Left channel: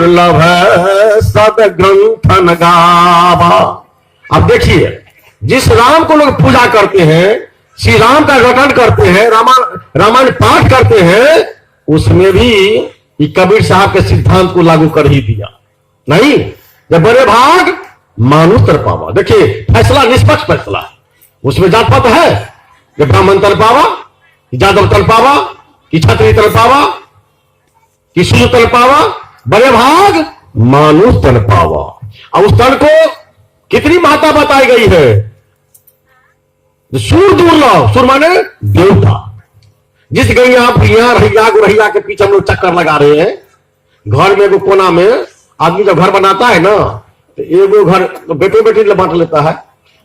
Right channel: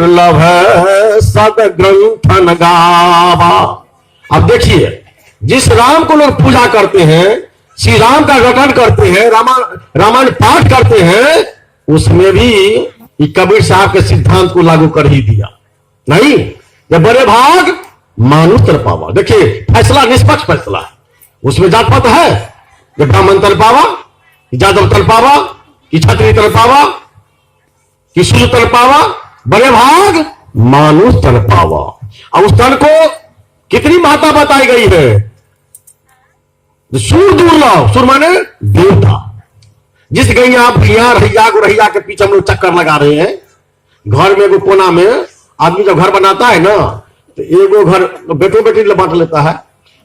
दुर्लभ सद ग्रंथन गावा। अब देखिए, जिस राम को लोग पूजा करते हैं, श्री राम का रटन करते हैं, रामायण पाठ करते हैं, उसमें भी कबीर साहब के सिद्धांत को लागू कर ही दिया। नहीं, जब बड़े भाग मानुष तरपावा। देखिए, फैसला निष्पक्ष फैसला, उसमें जात पात है। जब ब्राह्मण तरपावा, यादव तरपावा, कि क्षत्रिय तरपावा, कि शूद्र तरपावा, बड़े भाग मानुष तरपावा। और उस तन को कितनी बातें बताई गई है। सूर दुर्लभ, सुर माने देवता। जिस गैया भैया रैया गुरैया के पीछे हम लोग चक्कर लगा रहे हैं, घर में एगो कोना में आदमी जब घर बनाता है ना, तो एगो घर बेटो बेटी बांट लेता है,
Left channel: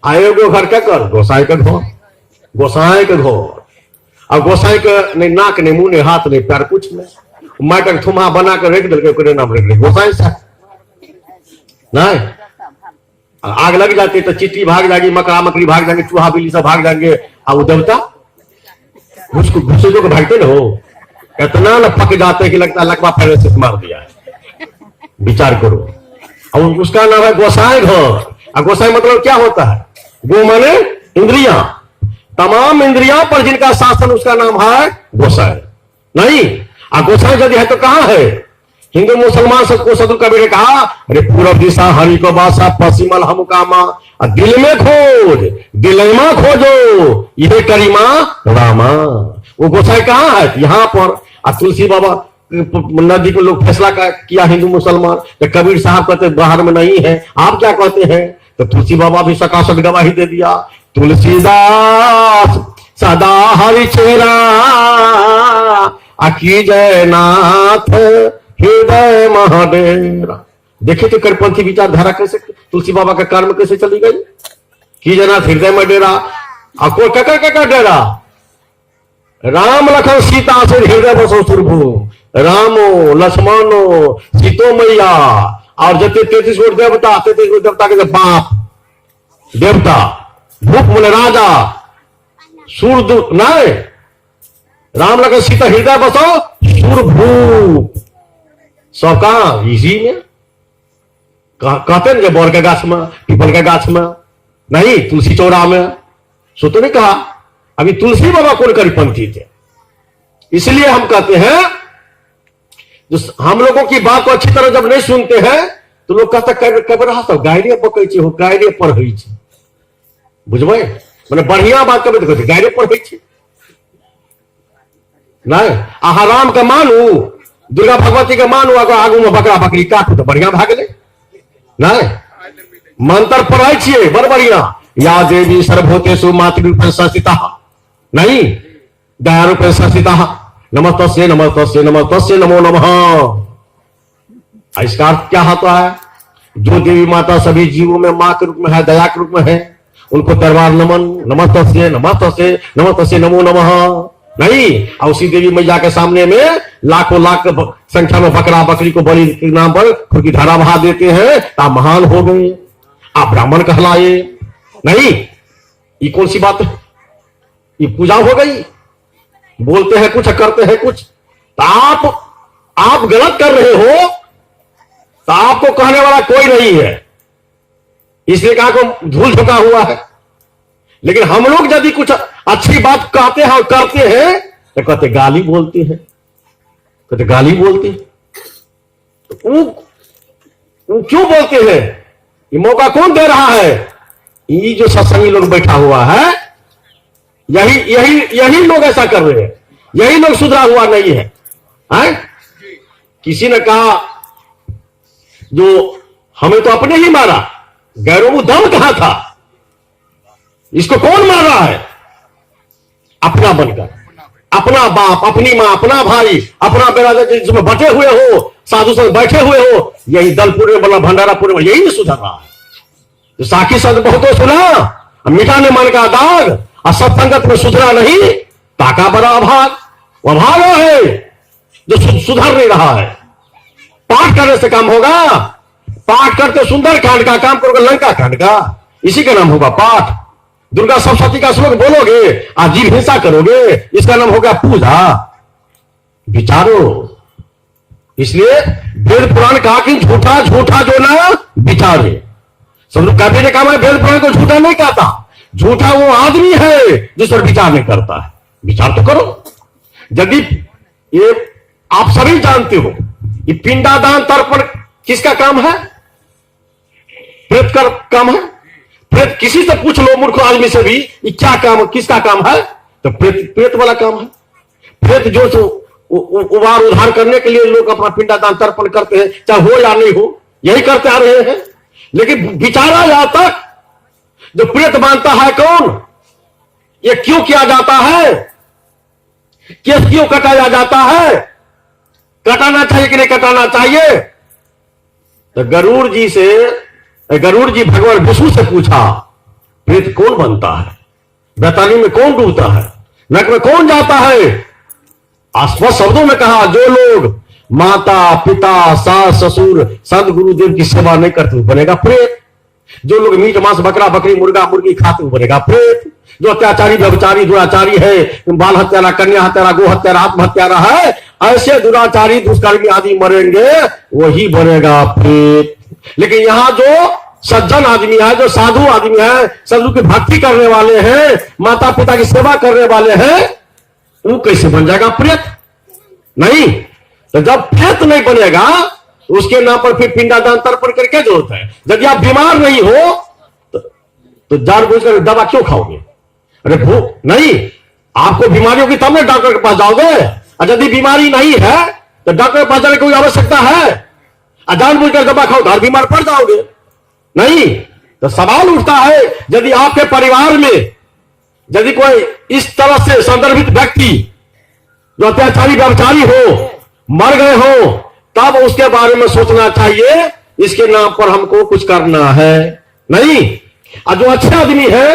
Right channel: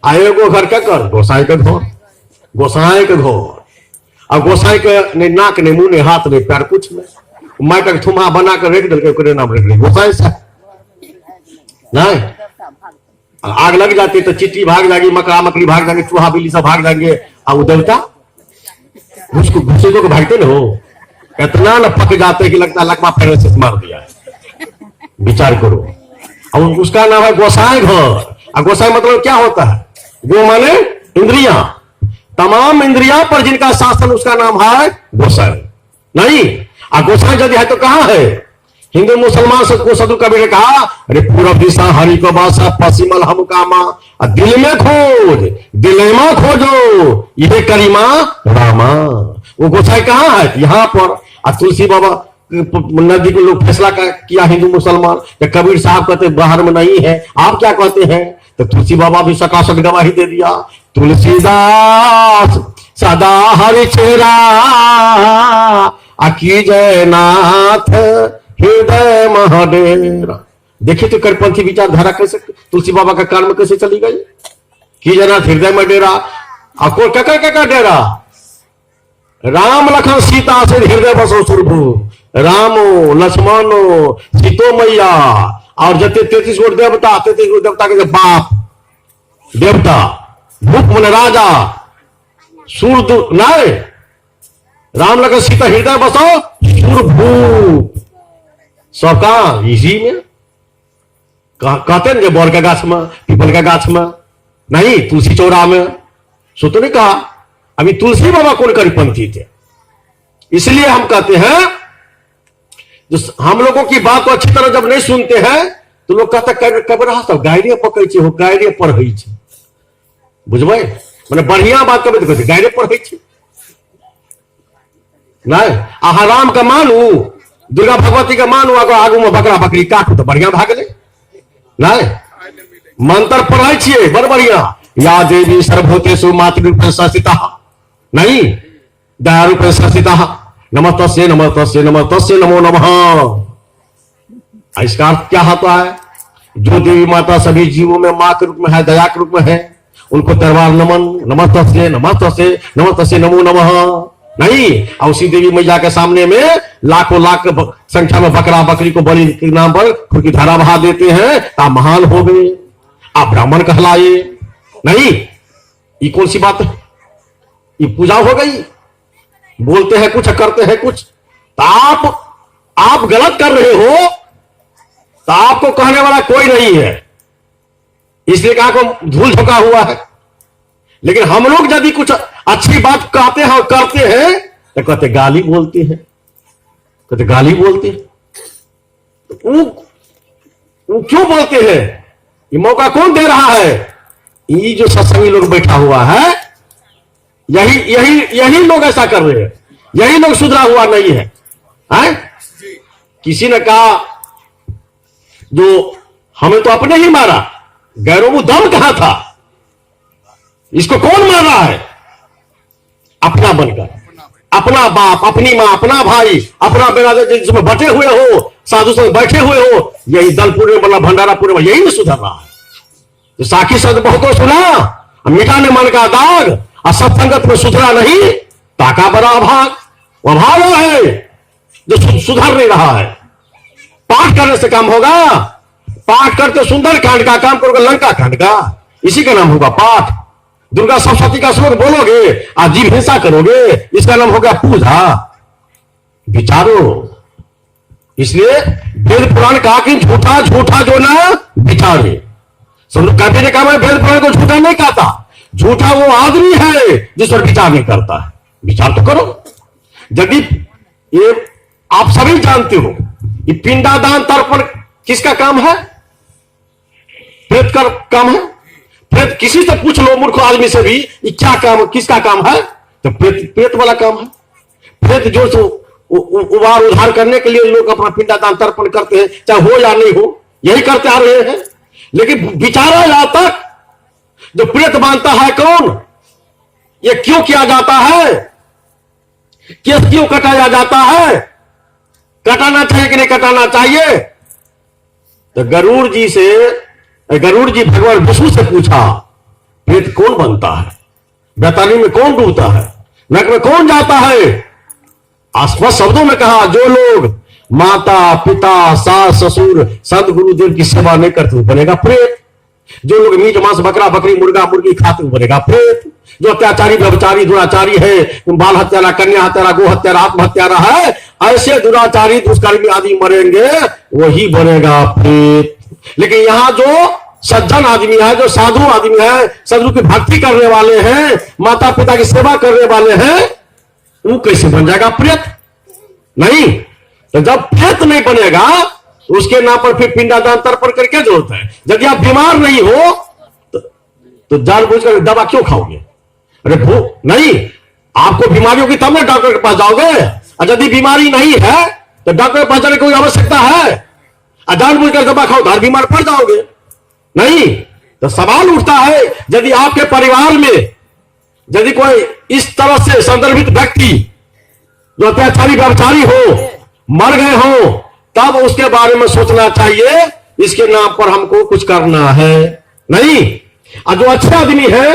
आ एगो घर क्या कर, गोसाई के घर, गोसाई के घर। और गोसाई के नहीं नाक नहीं मुंह नहीं हाथ नहीं पैर कुछ नहीं, माटक थुमा बना कर रख दिल नाम रख दिया गोसाई साहब। नहीं, आग लग जाती तो चिट्टी भाग जाएगी, मकड़ा मकड़ी भाग जाएंगे, चूहा बिल्ली सब भाग जाएंगे। और देवता उसको घुसे जो भागते ना, हो इतना न पक जाते कि लगता है लकवा फैले से मार दिया। विचार करो। और उसका नाम है गोसाई घर। और गोसाई मतलब क्या होता है? गो माने इंद्रिया, तमाम इंद्रिया पर जिनका शासन, उसका नाम है गोसाई। नहीं, गोसाई यदि है तो कहां है? हिंदू मुसलमान सबको सदु कबीर ने कहा, अरे पूरब दिशा हरि को बासा, पश्चिमल हम कामा, दिल में खोज दिलेमा खोजो, ये करीमा रामा। वो गोसाई कहाँ है? यहाँ पर। तुलसी बाबा नदी को लोग फैसला किया हिंदू मुसलमान, तो कबीर साहब कहते बाहर में नहीं है, आप क्या कहते हैं? तो तुलसी बाबा भी सकाशक गवाही दे दिया, तुलसीदास सदा हरि चेरा, अकी जयनाथ हृदय महाडेरा। देखिए तो कड़पंथी विचारधारा कैसे तुलसी बाबा का कर्म कैसे चली गई कि जना हृदय में डेरा। आपको क्या डेरा? राम लखन सीता से हृदय बसो सुरभु, रामो लक्ष्मणो सीतो मैया। और जब 33 कोट देवता, 33 कोट देवता के बाप देवता, भूप मन राजा, सूर्य नाय, राम लखन सीता हृदय बसो सुरभु। सबका इसी में कहते हैं बोर का गाछ में, पीपल का गाछ में, नहीं तुलसी चौरा में। सो तो नहीं कहा अभी तुलसी बाबा कौन करीपंथी थे। इसलिए हम कहते हैं, जो हम लोगों की बात को अच्छी तरह जब नहीं सुनते हैं तो लोग कहते कबर गायरे पकड़ हो, गायरे पढ़े, बुझबै मैंने बढ़िया बात करे तो कहते गायरे पढ़े। नहीं, आहा राम का मानू, दुर्गा भगवती का मानू, अगर आगू में बकरा बकरी काटू तो बढ़िया भाग ले। नहीं, मंत्र पढ़ाई छिए बड़ बढ़िया, या देवी सर्वभूतेषु मातृरूपेण संस्थिता, नहीं दयारूपेण संस्थिता, नमस्तस्यै नमस्तस्यै नमस्तस्यै नमो नमः। इसका अर्थ क्या होता है? जो देवी माता सभी जीवों में मां के रूप में है, दया के रूप में है, उनको तरवार नमन, नमस्तस्यै नमस्तस्यै नमस्तस्यै नमो नमः। नहीं, और उसी देवी मैया के सामने में लाखों लाख संख्या में बकरा बकरी को बलि के नाम पर खुद की धारा बहा देते हैं, आप महान हो गए, आप ब्राह्मण कहलाए। नहीं, ये कौन सी बात है? ये पूजा हो गई। बोलते हैं कुछ, करते हैं कुछ। तो आप गलत कर रहे हो तो आपको कहने वाला कोई नहीं है, इसलिए कहा को धूल झोंका हुआ है। लेकिन हम लोग यदि कुछ अच्छी बात कहते हैं और करते हैं तो कहते गाली बोलते हैं, कहते गाली बोलते हैं। वो क्यों बोलते हैं? ये मौका कौन दे रहा है? ये जो सत्संगी लोग बैठा हुआ है, यही लोग ऐसा कर रहे हैं, यही लोग सुधरा हुआ नहीं है, किसी ने कहा जो हमें तो अपने ही मारा, गैरों को दम कहां था? इसको कौन मार रहा है? अपना बनकर, अपना बाप, अपनी मां, अपना भाई, अपना बेरादर जिसमें बटे हुए हो, साधु संग बैठे हुए हो, यही दलपुर में बना भंडारापुर में यही सुधर रहा है। तो साखी संत बहुत सुना, मिटा ने मन का दाग, और सत्संगत में सुधरा नहीं, ताका बड़ा अभाव है जो सुधर नहीं रहा है। पाठ करने से काम होगा? पाठ करते सुंदर कांड का काम करोगे, लंका कांड का, इसी का नाम होगा पाठ। दुर्गा सप्तशती का श्लोक बोलोगे, आप जीव हिंसा करोगे, इसका नाम होगा पूजा। विचारो, इसलिए वेद पुराण कहा कि झूठा झूठा जो ना विचारे। कभी ने कहा मैं वेद पुराण को झूठा नहीं कहता, झूठा वो आदमी है जिस पर विचार नहीं करता है। विचार तो करो। यदि ये आप सभी जानते हो ये पिंडादान तर्पण किसका काम है? प्रेत का काम है। प्रेत किसी से पूछ लो मूर्ख आदमी से भी ये क्या काम, किसका काम है? तो प्रेत वाला काम है। प्रेत जो उबार उधार करने के लिए लोग अपना पिंडादान तर्पण करते हैं, चाहे हो या नहीं हो, यही करते आ रहे हैं। लेकिन विचारा यहां तक जो प्रेत मानता है कौन, ये क्यों किया जाता है, केस क्यों कटाया जाता है, कटाना चाहिए कि नहीं कटाना चाहिए? तो गरुड़ जी भगवान विष्णु से पूछा प्रेत कौन बनता है, बैतानी में कौन डूबता है, नरक में कौन जाता है? आसपास शब्दों में कहा जो लोग माता पिता सास ससुर संत गुरुदेव की सेवा नहीं करते बनेगा प्रेत। जो लोग मीट मांस बकरा बकरी मुर्गा मुर्गी खाते बनेगा प्रेत। जो अत्याचारी व्यभिचारी दुराचारी है, बाल हत्यारा कन्या हत्यारा गो हत्यारा आत्महत्यारा है, ऐसे दुराचारी दुष्कर्मी आदि मरेंगे, वही बनेगा प्रेत। लेकिन यहां जो सज्जन आदमी है, जो साधु आदमी है, साधु की भक्ति करने वाले हैं, माता पिता की सेवा करने वाले हैं, वो कैसे बन जाएगा प्रेत? नहीं। तो जब प्रेत नहीं बनेगा उसके नाम पर फिर पिंडादान तर्पण कर क्या जरूरत है? यदि आप बीमार नहीं हो तो जानबूझकर दवा क्यों खाओगे? अरे वो नहीं, आपको बीमारी होगी तब ना डॉक्टर के पास जाओगे। और यदि बीमारी नहीं है तो डॉक्टर के पास जाने की कोई आवश्यकता है? जानबूझकर दवा खाओ घर बीमार पड़ जाओगे। नहीं। तो सवाल उठता है यदि आपके परिवार में यदि कोई इस तरह से संदर्भित व्यक्ति जो अत्याचारी व्यभिचारी हो मर गए हो, तब उसके बारे में सोचना चाहिए इसके नाम पर हमको कुछ करना है। नहीं। और जो अच्छा आदमी है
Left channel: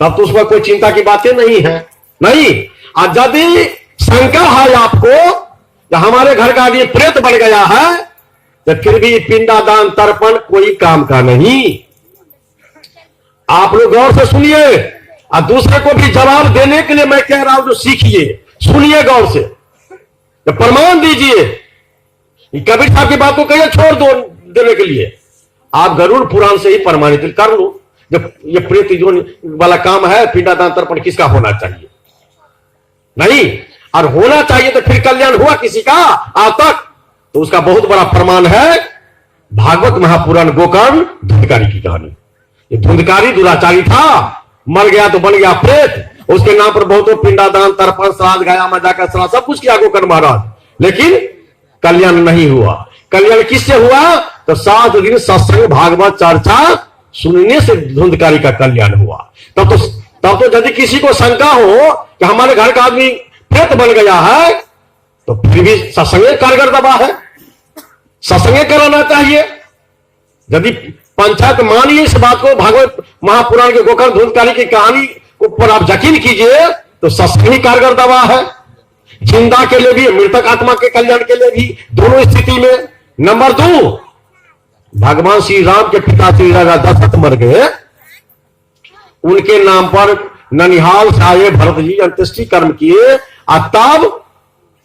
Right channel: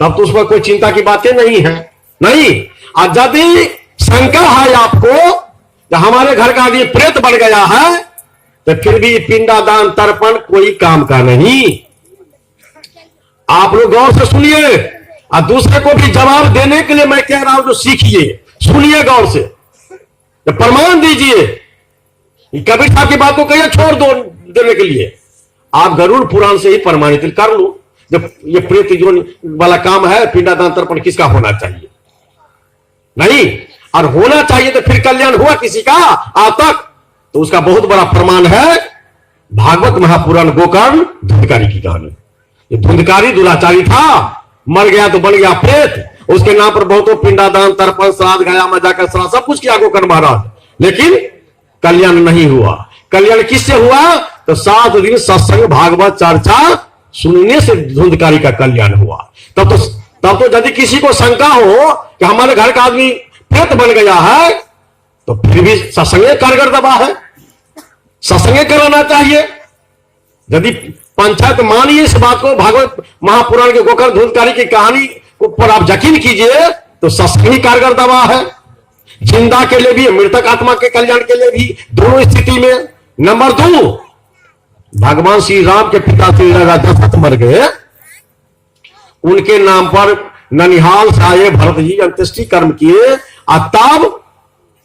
तब तो उसमें कोई चिंता की बातें नहीं है। नहीं। और यदि शंका है आपको तो हमारे घर का आदमी प्रेत बन गया है तो फिर भी पिंडादान तर्पण कोई काम का नहीं। आप लोग गौर से सुनिए और दूसरे को भी जवाब देने के लिए मैं कह रहा हूं जो सीखिए, सुनिए गौर से, तो प्रमाण दीजिए। कबीर साहब की बात को कहिए छोड़ दो देने के लिए, आप गरुड़ पुराण से ही प्रमाणित कर लो। जब ये प्रेत जो वाला काम है पिंडादान तर्पण किसका होना चाहिए? नहीं। और होना चाहिए तो फिर कल्याण हुआ किसी का आज तक? तो उसका बहुत बड़ा प्रमाण है भागवत महापुराण गोकर्ण धुंधकारी की कहानी। ये धुंधकारी दुराचारी था, मर गया तो बन गया प्रेत। उसके नाम पर बहुतों पिंडादान तर्पण श्राद्ध गया में जाकर श्राद्ध सब कुछ किया गोकर्ण महाराज, लेकिन कल्याण नहीं हुआ। कल्याण किससे हुआ? तो 7 दिन सत्संग भागवत चर्चा सुनने से धुंधकारी का कल्याण हुआ। तब तो यदि किसी को शंका हो कि हमारे घर का आदमी प्रेत बन गया है तो फिर भी सत्संग कारगर दवा है, सत्संग कराना चाहिए। यदि पंचायत मानिए इस बात को, भागवत महापुराण के गोकर्ण धुंधकारी की कहानी पर आप यकीन कीजिए तो सत्संग ही कारगर दवा है, जिंदा के लिए भी मृतक आत्मा के कल्याण के लिए भी, दोनों स्थिति में। नंबर 2, भगवान श्री राम के पिता श्री राजा दशरथ मर गए, उनके नाम पर ननिहाल से आए भरत जी अंत्येष्टि कर्म किए और तब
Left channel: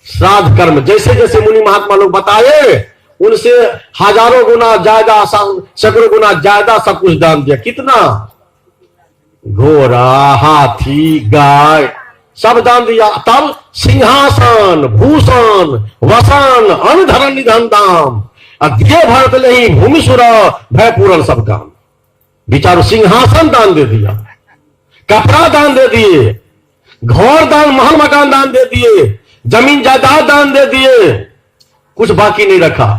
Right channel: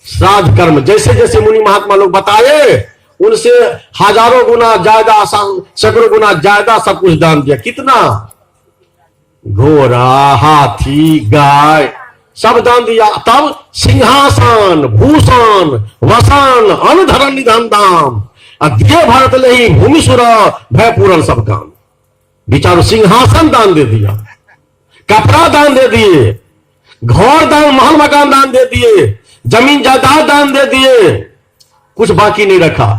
श्राद्ध कर्म जैसे जैसे मुनि महात्मा लोग बताए उनसे हजारों गुना ज्यादा सैकड़ों गुना ज्यादा सब कुछ दान दिया। कितना? घोड़ा हाथी गाय सब दान दिया। तब सिंहासन भूषण वसन अनुधरण निधन दान दिए भरत ले भूमि सुर भय पूरण सब काम। विचारो, सिंहासन दान दे दिया, कपड़ा दान दे दिए, घर दान महल मकान दान दे दिए, जमीन जायदाद दान दे दिए, कुछ बाकी नहीं रखा।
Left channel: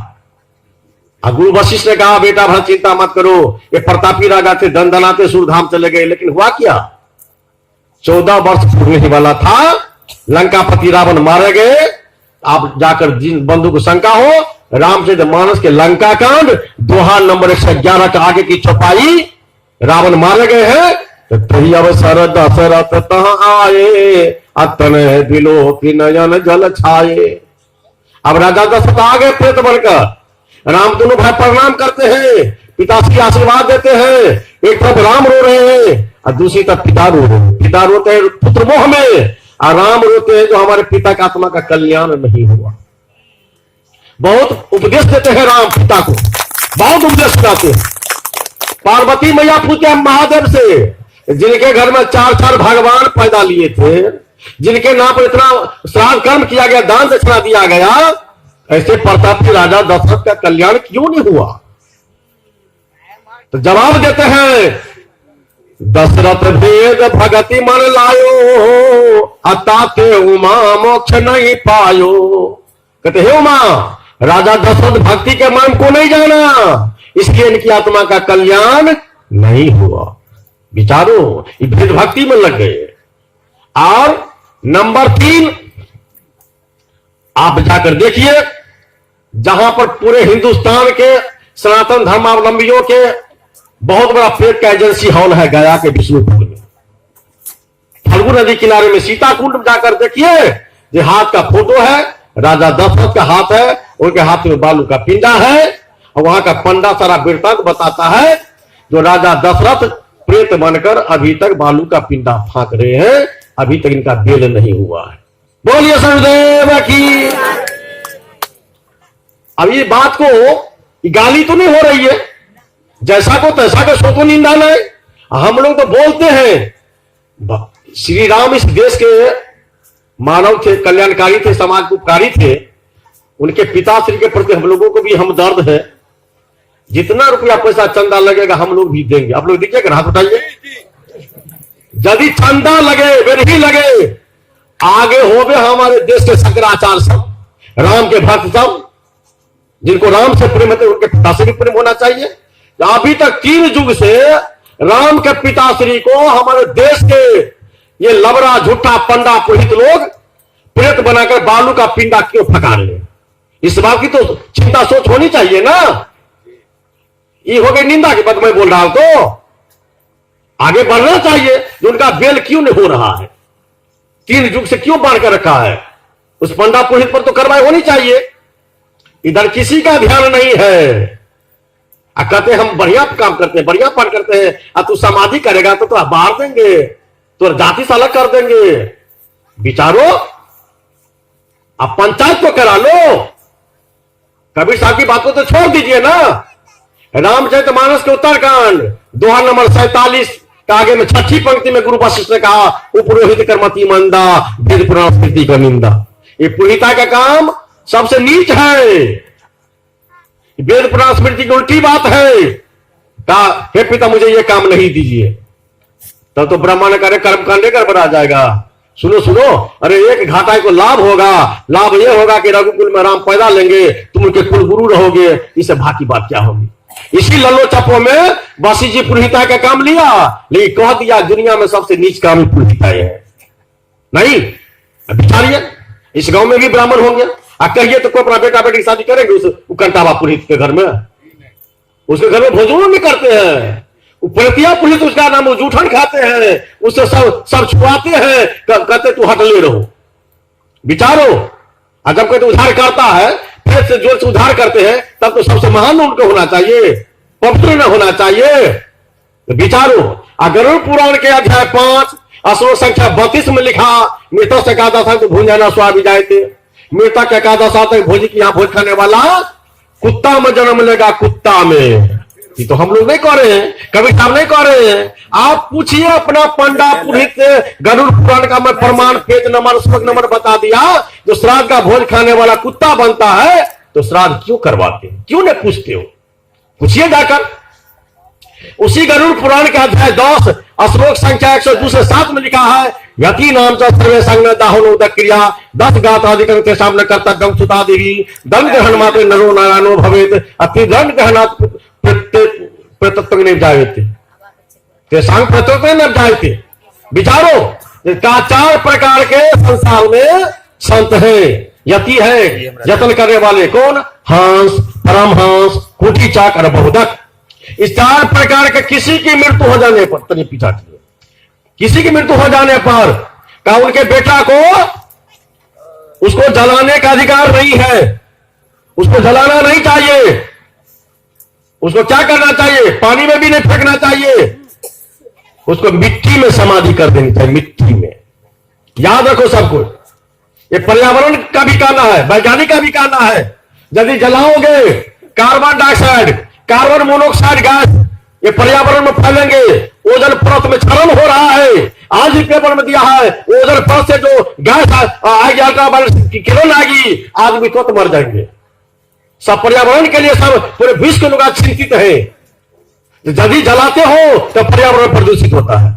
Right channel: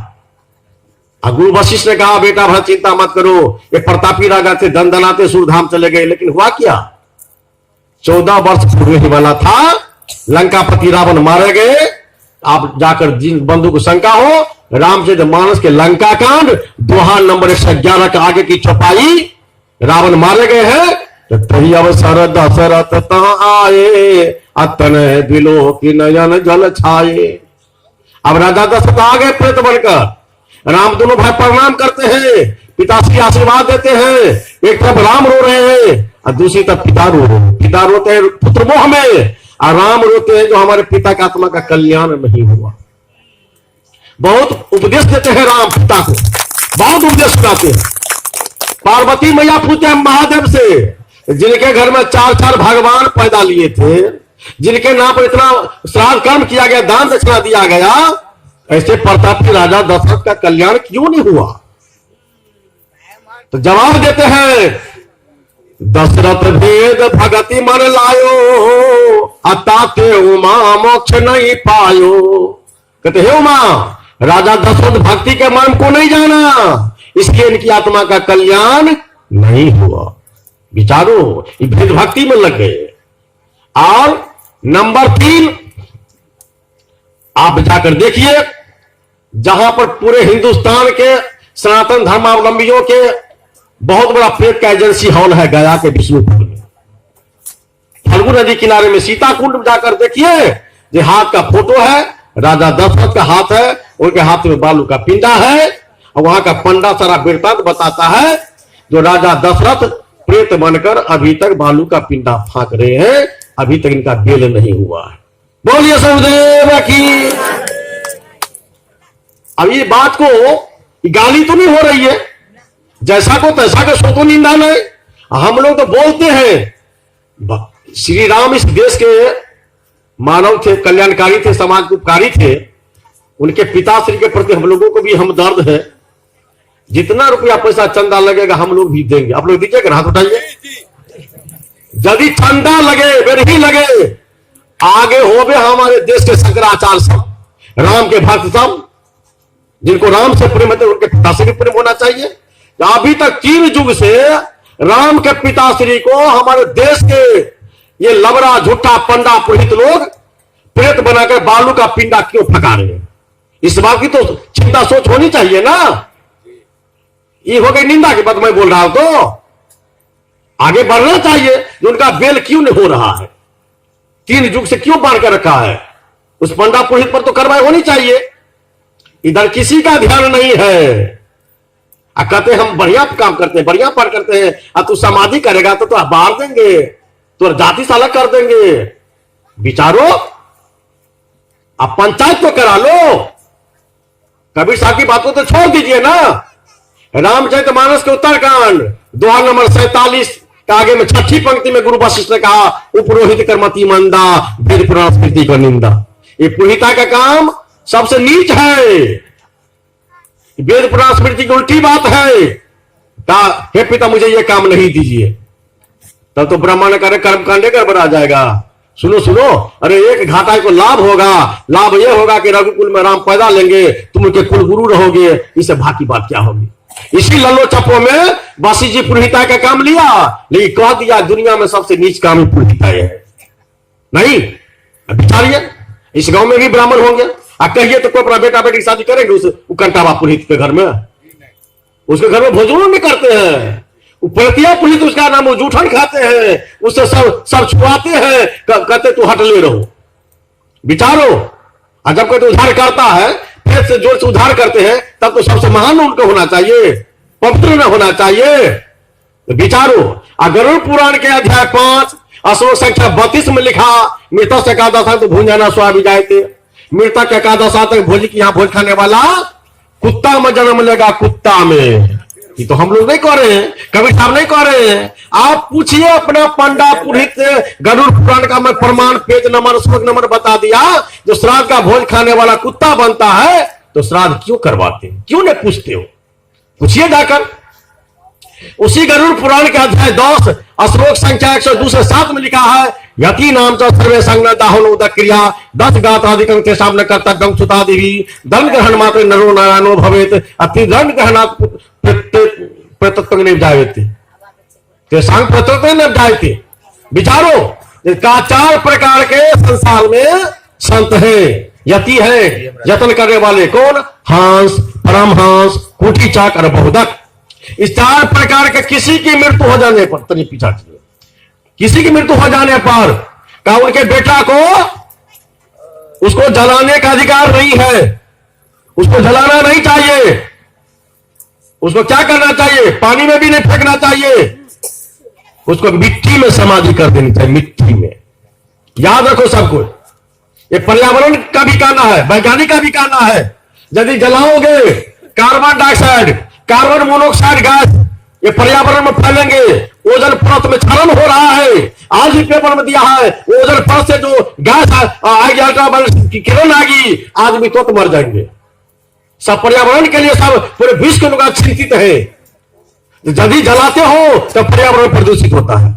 अब गुरु वशिष्ठ ने कहा बेटा भरत चिंता मत करो, ये प्रतापी राजा थे धन धनाते सूरधाम चले गए, लेकिन हुआ क्या? 14 वर्ष पूरे ही वाला था, लंकापति रावण मारे गए। आप जाकर जिन बंधु को शंका हो रामचरित मानस के लंका कांड दोहा नंबर 111 का आगे की चौपाई, रावण मारे गए हैं। तो तेरी अवसर दशरथ तहां आए, अतन बिलो की नयन जल छाए। अब राजा दशरथ आ गए प्रेत बनकर, राम दोनों भाई प्रणाम करते हैं, पिताश्री आशीर्वाद देते हैं। एक तरफ राम रो रहे हैं और दूसरी तरफ पिता रो रहे हैं। पिता रोते हैं पुत्र मोह में और राम रोते हैं जो हमारे पिता का आत्मा का कल्याण नहीं हुआ। बहुत उपदेश देते हैं राम पिता को, बहुत उपदेश सुनाते हैं। पार्वती मैया पूछते हैं महादेव से, जिनके घर में 4 भगवान पैदा लिए थे, जिनके नाम पर इतना श्राद्ध कर्म किया गया, दान दक्षिणा दिया गया, ऐसे प्रतापी राजा दशरथ का कल्याण क्यों नहीं हुआ? तो जवाब देते हैं, दशरथ भेद भगति मन लायो, अताते उमा मोक्ष नहीं पायो। कहते हे उमा, राजा दशरथ भक्ति के मर्म को नहीं जाना, इसलिए इनकी आत्मा का कल्याण नहीं हुआ। विचारो, ये भेद भक्ति में लग गए। और नंबर 3, आप जाकर देखिए, जहां पर पूरे हिंदुस्तान के सनातन धर्मावलंबियों के बहुत बड़ा प्रेत का एजेंसी हॉल है गया के विष्णुपुर में, फल्गु नदी किनारे में सीता कुंड जाकर देखिए, जो हाथ का फोटो है, राजा दशरथ का हाथ है, उनके हाथ में बालू का पिंडा है, और वहां का पंडा सारा वृत्तांत बताता है, जो राजा दशरथ प्रेत बनकर अभी तक बालू का पिंडा फांक रहे हैं, अभी तक इनका बेल नहीं हुआ है। बोलिए शनिदेव की। अब ये बात को गाली तो नहीं हो रही है, जैसा को तैसा का सो तो निंदा नहीं। हम लोग तो बोलते हैं श्री राम इस देश के मानव थे, कल्याणकारी थे, समाज के उपकारी थे, उनके पिताश्री के प्रति हम लोगों को भी हमदर्द है। जितना रुपया पैसा चंदा लगेगा हम लोग भी देंगे। आप लोग दीजिएगा, हाथ उठाइए। यदि चंदा लगे, गरीबी लगे, आगे होवे हमारे देश के शंकराचार्य सब, राम के भक्त सब, जिनको राम से प्रेम है, उनके पिता से भी प्रेम होना चाहिए। अभी तक 3 युग से राम के पिताश्री को हमारे देश के ये लबड़ा झूठा पंडा पुरोहित लोग प्रेत बनाकर बालू का पिंडा क्यों फका रहे हैं? इस बात की तो चिंता सोच होनी चाहिए ना। ये हो गई निंदा की बात मैं बोल रहा हूं, तो आगे बढ़ना चाहिए। उनका बेल क्यों नहीं हो रहा है? 3 युग से क्यों बांध कर रखा है? उस पंडा पुरोहित पर तो कार्रवाई होनी चाहिए। इधर किसी का ध्यान नहीं है। कहते हम बढ़िया काम करते हैं, बढ़िया पार करते हैं, अब तू समाधि करेगा तो बाहर देंगे, तो जाति से अलग कर देंगे। विचारो, आप पंचायत तो करा लो। कबीर साहब की बातों तो छोड़ दीजिए ना। रामचरितमानस के उत्तरकांड दोहा नंबर 47 का आगे में 6ठी पंक्ति में गुरु वशिष्ठ ने कहा, उपरोहित कर्मति मंदा, वेद पुराण स्मृति का निंदा। ये पुरोहिता का काम सबसे नीच है, वेद पुराण स्मृति की उल्टी बात है। हे पिता मुझे ये काम नहीं दीजिए, तब तो ब्राह्मण करे कर्म करने गड़बड़ आ जाएगा। सुनो सुनो, अरे एक घाटा को लाभ होगा, लाभ ये होगा कि रघुकुल में राम पैदा लेंगे, तुम उनके कुल गुरु रहोगे, इससे बाकी बात क्या होगी। इसी लल्लो चप्पो में बसी जी पुरोहिता का काम लिया, लेकिन कह दिया दुनिया में सबसे नीच काम पुरोहिता है। नहीं, बिचारिए, इस गांव में भी ब्राह्मण होंगे, कहिए तो कोई अपना बेटा बेटी की शादी करेंगे उस कंटावा पुरोहित के घर में, उसके घर में भोजन नहीं करते हैं, प्रतिया पुरोहित उसका नाम जूठन खाते हैं, उससे सब छुआते हैं, कहते तू हट ले रहो। विचारो, जब कोई उद्धार करता है, फिर से जोर से उद्धार करते हैं, तब तो सबसे महान उनको होना चाहिए, पवित्र न होना चाहिए। तो विचारो, गरुड़ पुराण के अध्याय 5 श्लोक संख्या 32 में लिखा, मृतक से एकादशा तो भूंजना स्वामी जायते, मृतक एकादशा तक भोज की यहाँ भोज खाने वाला कुत्ता में जन्म लेगा, कुत्ता में। ये तो हम लोग नहीं कर रहे हैं, कबीर साहब नहीं कर रहे हैं। आप पूछिए अपना पंडा पुरोहित से, गरुड़ पुराण का मैं प्रमाण पेज नंबर श्लोक नंबर बता दिया। जो श्राद्ध का भोज खाने वाला कुत्ता बनता है, तो श्राद्ध क्यों करवाते, क्यों नहीं पूछते हो? पूछिए जाकर। उसी गरुड़ पुराण के अध्याय 10 श्लोक संख्या 102 से 7 में लिखा है, यति नाम च सर्वे संग दाहनो क्रिया 10 गाताधिकं तेषां न कर्तव्यं सुता देवी दंड ग्रहण मात्र नरो नारायणो भवेत अति दंड ग्रहणात् प्रत्यक्ष नहीं जायते तेषां प्रत्यक्ष न जायते। विचारो, का 4 प्रकार के संसार में संत है, यति है, यत्न करने वाले। कौन? हंस, परमहंस, कुटी चाक और बहुदक। इस 4 प्रकार के किसी की मृत्यु हो जाने पर, तनी पीछा चलिए, किसी की मृत्यु हो जाने पर का उनके बेटा को उसको जलाने का अधिकार नहीं है, उसको जलाना नहीं चाहिए। उसको क्या करना चाहिए? पानी में भी नहीं फेंकना चाहिए, उसको मिट्टी में समाधि कर देनी चाहिए, मिट्टी में। याद रखो सबको, ये पर्यावरण का भी कहना है, वैज्ञानिक का भी कहना है। यदि जलाओगे carbon dioxide, carbon monoxide gas ये पर्यावरण में फैलेंगे, ओजोन परत में क्षरण हो रहा है। आज ही पेपर में दिया है ओजोन परत से जो गैस आएगी, अल्ट्रावायलेट की किरण आएगी, आदमी तो मर जाएंगे। सब पर्यावरण के लिए सब पूरे विश्व के लोग चिंतित है। यदि जलाते हो तो पर्यावरण प्रदूषित होता है।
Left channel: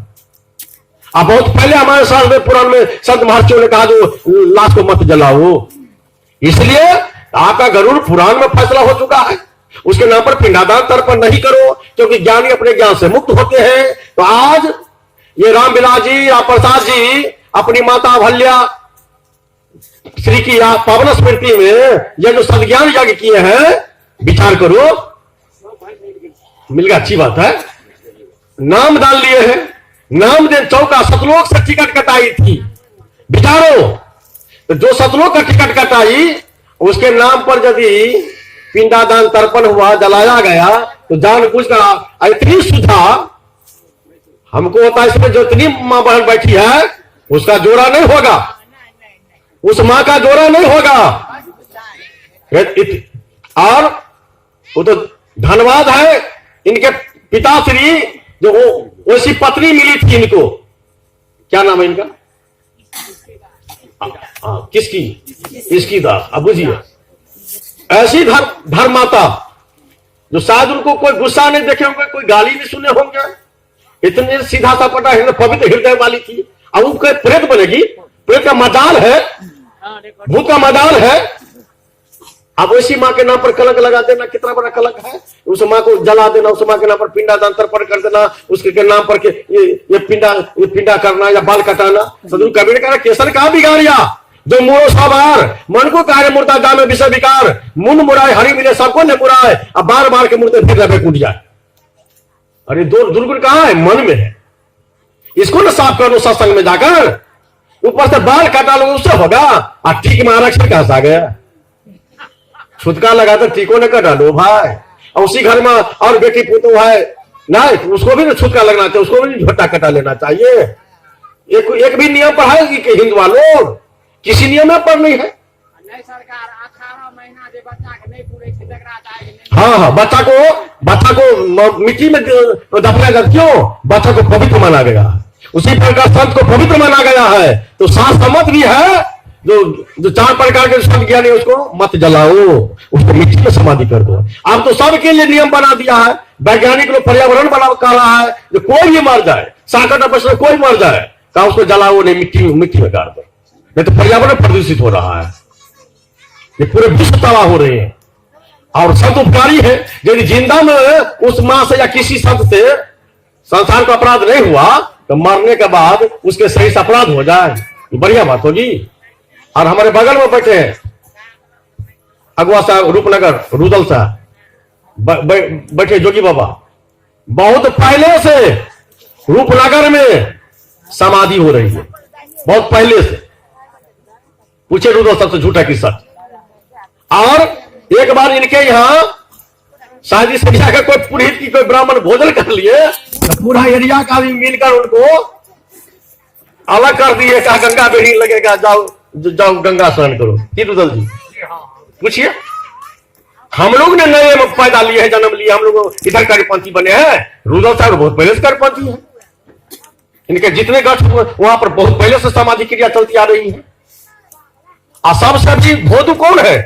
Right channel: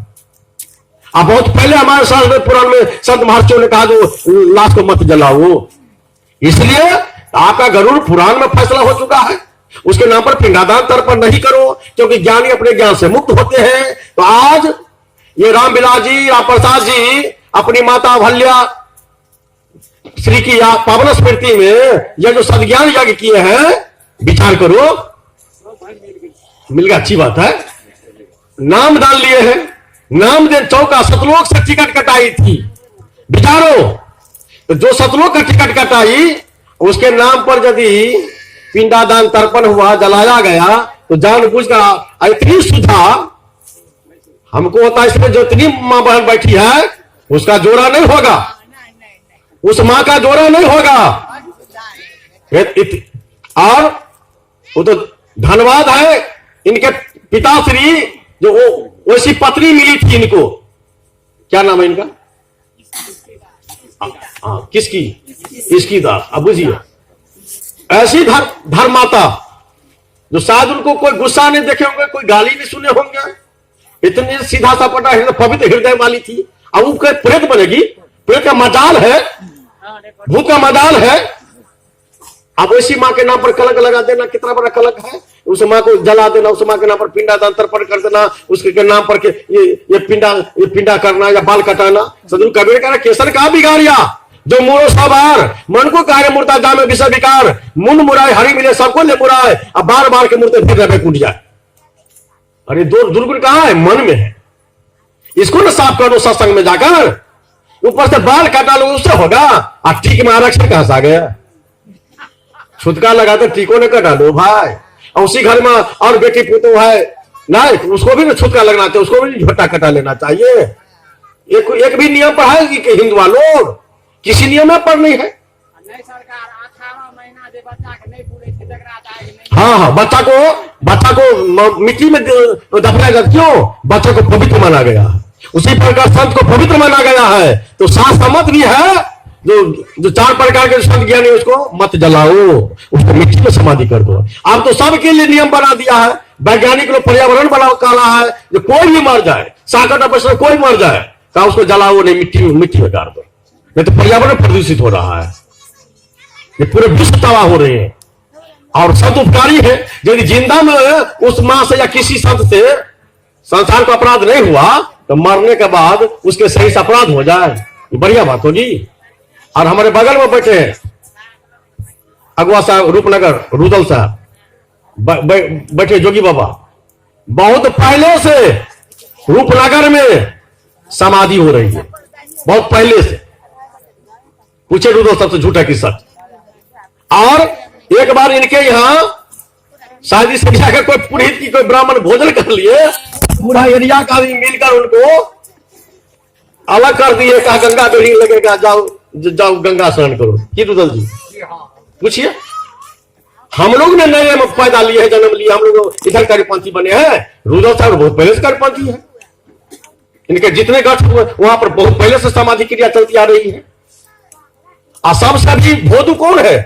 अब बहुत पहले हमारे शास्त्र में पुराण में संत महर्षियों ने कहा जो लाश को मत जलाओ, इसलिए आपका गरुड़ पुराण में फैसला हो चुका है, उसके नाम पर पिंडादान तर्पण नहीं करो, क्योंकि ज्ञानी अपने ज्ञान से मुक्त होते हैं। तो आज ये रामविलास जी, राम प्रसाद जी अपनी माता अहल्या श्री की पावन स्मृति में यह जो सदज्ञान यज्ञ किए हैं, विचार करो, मिल गया, अच्छी बात है। नाम डाल लिए हैं, नाम दे चौका सतलोक से टिकट कटाई थी, विचारो। तो जो सतलोक का टिकट कटाई उसके नाम पर यदि पिंडादान तर्पण हुआ, जलाया गया, तो जानबूझकर इतनी सुधा हमको होता है, इसमें जो इतनी मां बहन बैठी है उसका जोड़ा नहीं होगा, उस मां का जोड़ा नहीं होगा। और वो तो धन्यवाद है इनके पिताश्री, जो वैसी पत्नी मिली थी इनको, क्या नाम है इनका, किसकी, इसकी था, अब बुझिए, ऐसी धर्माता जो शायद उनको कोई गुस्सा नहीं देखे होंगे, कोई गाली नहीं सुने होंगे, इतनी सीधा सापटा पवित्र हृदय वाली थी। अब उनके प्रेत बनेगी, प्रेत का मजाल है, भूत का मजाल है। अब ऐसी मां के नाम पर कलंक लगा देना कितना बड़ा कलंक है। उस मां को जला देना, उस मां के नाम पर पिंडादान तर्पण कर देना, उसके नाम पर के ये पिंडा करना या बाल कटाना। सदगुरु कबीर का केसर कहा बिगाड़िया, जो मोरो सवार मन को कार्य मूर्ता जामे विषय विकार, मुन मुराय हरि मिले सबको ले मुराय, अब बार बार के मूर्ते भेजा कूट जाए। अरे दो दुर्गुण कहाँ है, मन में है, इसको ना साफ करो सत्संग में जाकर। ऊपर से बाल काटा लो उससे होगा, अब ठीक महाराज से कहा आ गया, छुटका लगा तो टीको न कटा लो भाई। और उसी घर में और बेटी पुतो है नहीं, उसको भी ना छुटका लगना चाहिए, उसको भी झोटा कटा लेना चाहिए। एक भी नियम पर है कि हिंदू वालों किसी नियम पर नहीं है। सरकार 18 महीना दे बच्चा के नहीं पूरे हाँ, बच्चा को मिट्टी में दफनाएगा, क्यों, बच्चा को पवित्र माना गया। उसी प्रकार संत को पवित्र माना गया है। तो शास्त्र मत भी है, जो 4 प्रकार के संत ज्ञानी, उसको मत जलाओ, उसको मिट्टी में समाधि कर दो। अब तो सबके लिए नियम बना दिया है, वैज्ञानिक लोग पर्यावरण बना रहा है, जो कोई भी मर जाए, संकट में कोई मर जाए तो उसको जलाओ नहीं, मिट्टी में गाड़ दो, नहीं तो पर्यावरण प्रदूषित हो रहा है, ये पूरे विश्व तबाह हो रहे हैं। और संत उपकारी है, यदि जिंदा में उस मां से या किसी संत से संसार का अपराध नहीं हुआ, तो मरने के बाद उसके सही से अपराध हो जाए, बढ़िया बात होगी। और हमारे बगल में बैठे हैं अगुआ साहब, रूपनगर रुदल साहब बैठे, जोगी बाबा, बहुत पहले से रूपनगर में समाधि हो रही है, बहुत पहले से। पूछे रुदल साहब से झूठा कि सच। और एक बार इनके यहाँ शादी से जाकर कोई पुरोहित की कोई ब्राह्मण भोजन कर लिए, पूरा एरिया का भी मिलकर उनको अलग कर दिए, कहा गंगा बेड़ी लगेगा, जाओ गंगा स्नान करो। की रुदल जी पूछिए, हम लोग ने नए पैदा लिए हैं, जन्म लिया, हम लोग इधर करीपंथी बने हैं। रुदल साहब बहुत पहले से करीपंथी है, इनके जितने गठ वहां पर बहुत पहले से सामाजिक क्रिया चलती आ रही है। और सबसे अभी भोदू कौन है,